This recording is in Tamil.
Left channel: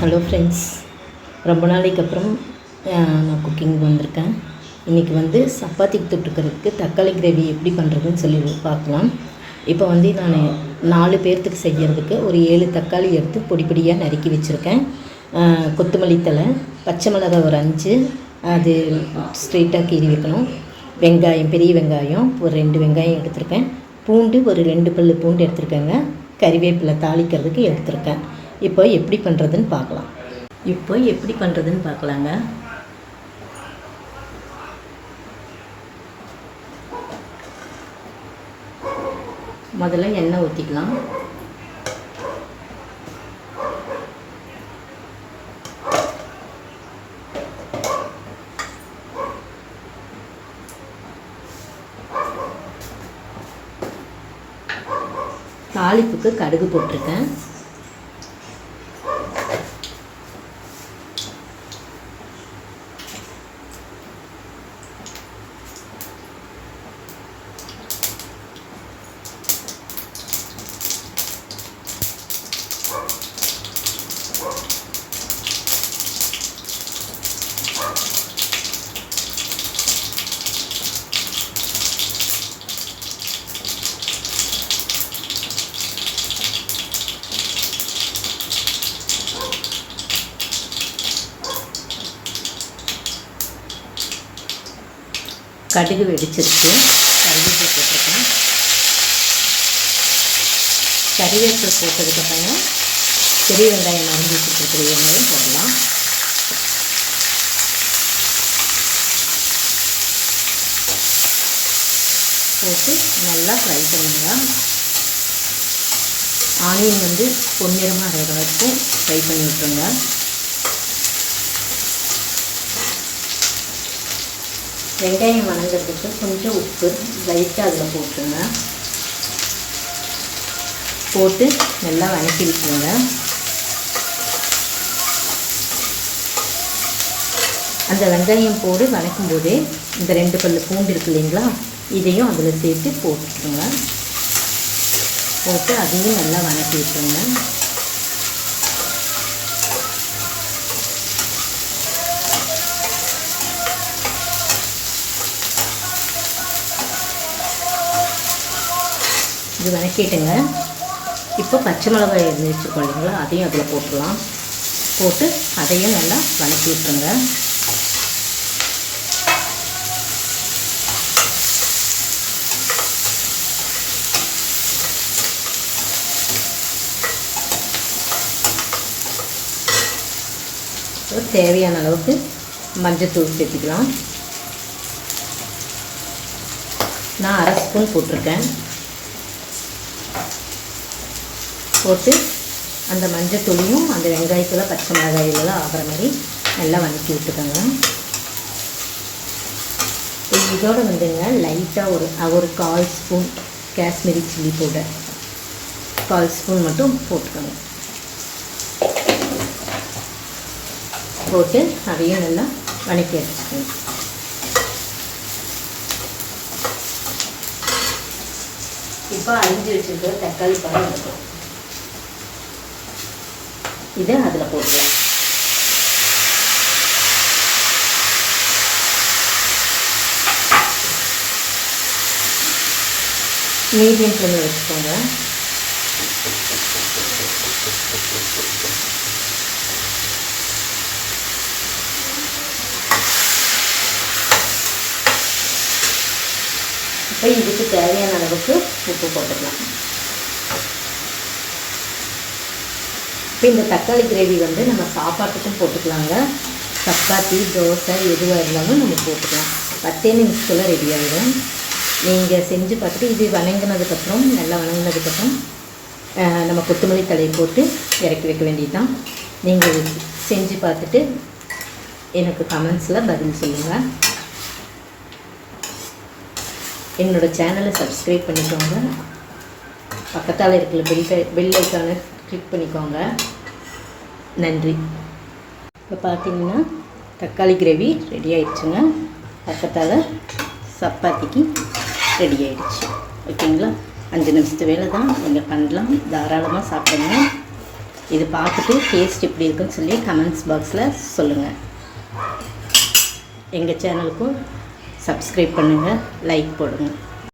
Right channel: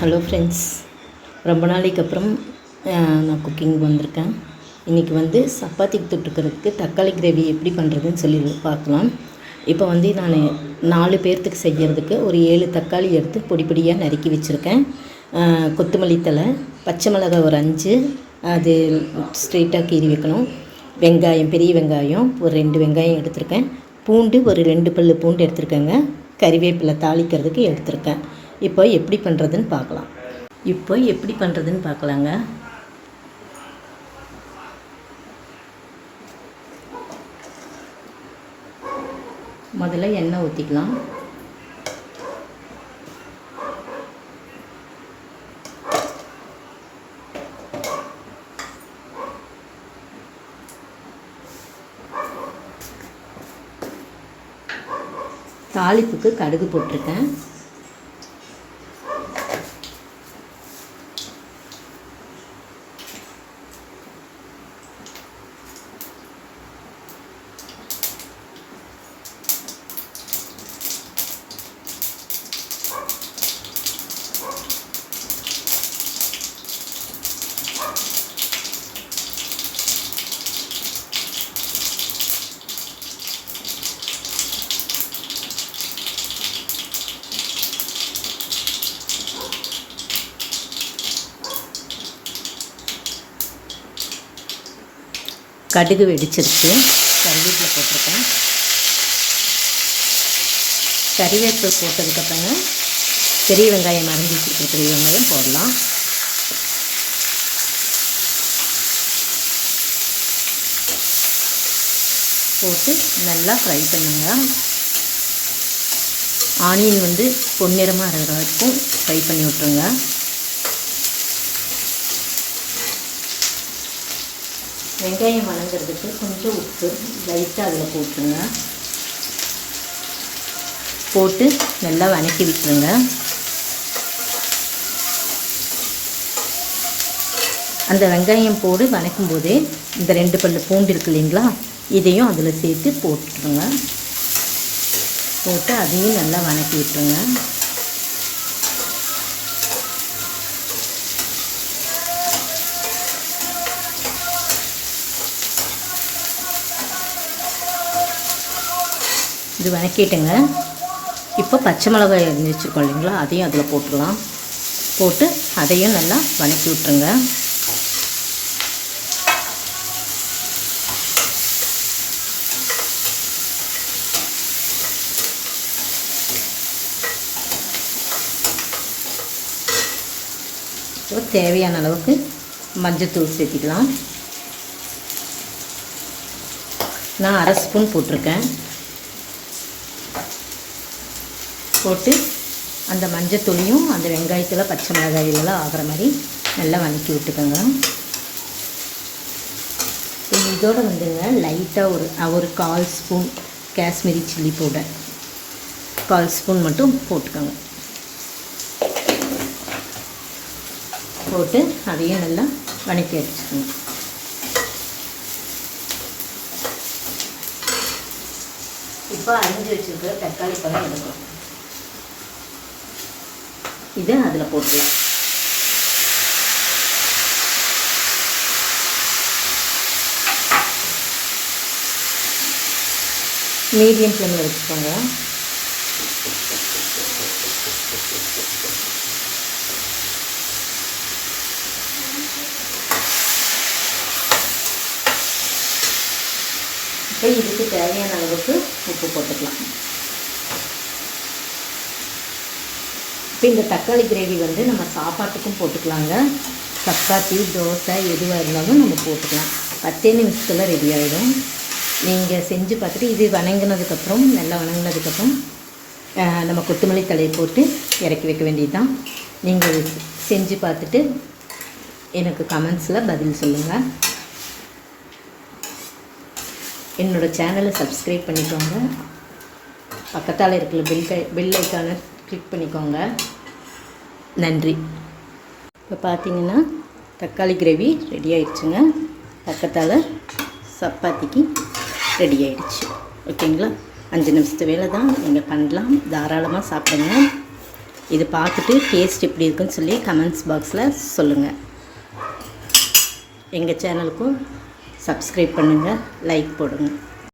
ஹலோ ஃப்ரெண்ட்ஸ், ரொம்ப நாளைக்கு அப்புறம் நான் குக்கிங் வந்திருக்கேன். இன்றைக்கி சப்பாத்திக்கு தொட்டுக்கிறதுக்கு தக்காளி கிரேவி எப்படி பண்ணுறதுன்னு சொல்லி பார்க்கலாம். இப்போ நான் 4 பேர்த்துக்கு செய்கிறதுக்கு ஒரு 7 தக்காளி எடுத்து பொடி பொடியாக நறுக்கி வச்சுருக்கேன். கொத்தமல்லி தழை, பச்சை மிளகாய் ஒரு 5, அது ஸ்ட்ரெயிட்டாக கீறி வைக்கணும். வெங்காயம், பெரிய வெங்காயம் ஒரு 2 வெங்காயம் எடுத்திருக்கேன். பூண்டு ஒரு 2 பல் பூண்டு எடுத்துருக்கேங்க. கறிவேப்பிலை தாளிக்கிறதுக்கு எடுத்திருக்கேன். இப்போ எப்படி பண்ணுறதுன்னு பார்க்கலாங்க. முதல்ல எண்ணெய் ஊற்றிக்கலாம். தாளிப்புக்கு கடுகு போட்டிருக்கேன். கடுகு வெடிச்சிருச்சு. கறிவேப்பிலை போட்டிருக்கேன். கறிவேப்பிலை போட்டதுக்கப்புறம் பெரிய வெங்காயம் அரிஞ்சு வச்சுருக்க பெரிய வெங்காயம் போடலாம். போட்டு நல்லா ஃப்ரை பண்ணுங்க. ஆனியன் பொன்னிறமாக இருக்கிற வரைக்கும் ஃப்ரை பண்ணி விட்டுருங்க. வெங்காயம் வணங்குறதுக்கு கொஞ்சம் உப்பு லைட்டாக அதில் போட்டுருங்க. போட்டு நல்லா வணக்கி விட்டுருங்க. அந்த வெங்காயம் போட்டு வணக்கும் போதே இந்த 2 பல் பூண்டு இருக்கு இல்லைங்களா, இதையும் அதில் சேர்த்து போட்டுருங்க. போட்டு அதையும் நல்லா வணக்கி விட்டுருங்க. இது வணக்கிட்டுங்க. இப்போ பச்சை மிளகாய் அரிஞ்சு வச்சுருக்கோம் இல்லைங்களா, அதையும் அதில் போட்டுடலாம். போட்டு அதையும் நல்லா வணக்கி விட்டுருங்க. தேவையான அளவுக்கு மஞ்சத்தூள் சேர்த்துக்கலாம். நான் 1/2 ஸ்பூன் போட்டிருக்கேன். போட்டு அந்த மஞ்சத்தூளையும் அந்த வெங்காயத்தில் பச்சை மிளகாயிலெல்லாம் ஆகிற மாதிரி நல்லா வதக்கி விட்டுக்கோங்க. இதோடு லைட்டாக ஒரு 1/4 spoon Kashmiri chilli powder 1/4 spoon மட்டும் போட்டுக்கோங்க. போட்டு அதையும் நல்லா வதக்கி வச்சுக்கோங்க. இப்போ அரிஞ்சு வச்சுருக்கிற தக்காளி பழம் இருக்கும், இதை அதில் போட்டுக்கலாம். மீடியம் ஃப்ளேமில் வச்சுக்கோங்க. இப்போ இதுக்கு தேவையான அளவுக்கு உப்பு போட்டுக்கலாம். இப்போ இந்த தக்காளி கிரேவி நம்ம சாப்பாட்டுக்கும் போட்டுக்கலாங்க. சப்பாத்தி, தோசை எதுவாக இருந்தாலும் நம்ம போட்டுக்கலாம். 10 நிமிஷத்தில் ரெடி ஆகிடும். நீங்கள் செஞ்சு பார்த்துட்டு இது வணங்கினதுக்கப்புறம் நல்லா வணங்கினதுக்கப்புறம் நம்ம கொத்தமல்லி தழையை போட்டு இறக்கி வைக்க வேண்டியதுதான். நீங்கள் செஞ்சு பார்த்துட்டு எனக்கு கமெண்ட்ஸில் பதில் சொல்லுங்கள். என்னோடய சேனலை சப்ஸ்கிரைப் பண்ணிக்கோங்க. பக்கத்தால் இருக்கிற பெல் ஐக்கானை கிளிக் பண்ணிக்கோங்க. நன்றி. இப்போ பார்த்தீங்கன்னா தக்காளி கிரேவி ரெடி ஆகிடுச்சுங்க. பக்கத்தால் சப்பாத்திக்கு ரெடி ஆகிடுச்சு. ஓகேங்களா, 5 நிமிஷத்து வேலை தான். நீங்கள் பண்ணலாம், தாராளமாக சாப்பிடுங்க. இது பார்த்துட்டு டேஸ்ட் எப்படி இருக்குன்னு சொல்லி கமெண்ட்ஸ் பாக்ஸில் சொல்லுங்கள். எங்கள் சேனலுக்கும் சப்ஸ்கிரைப் பண்ணுங்கள், லைக் போடுங்க.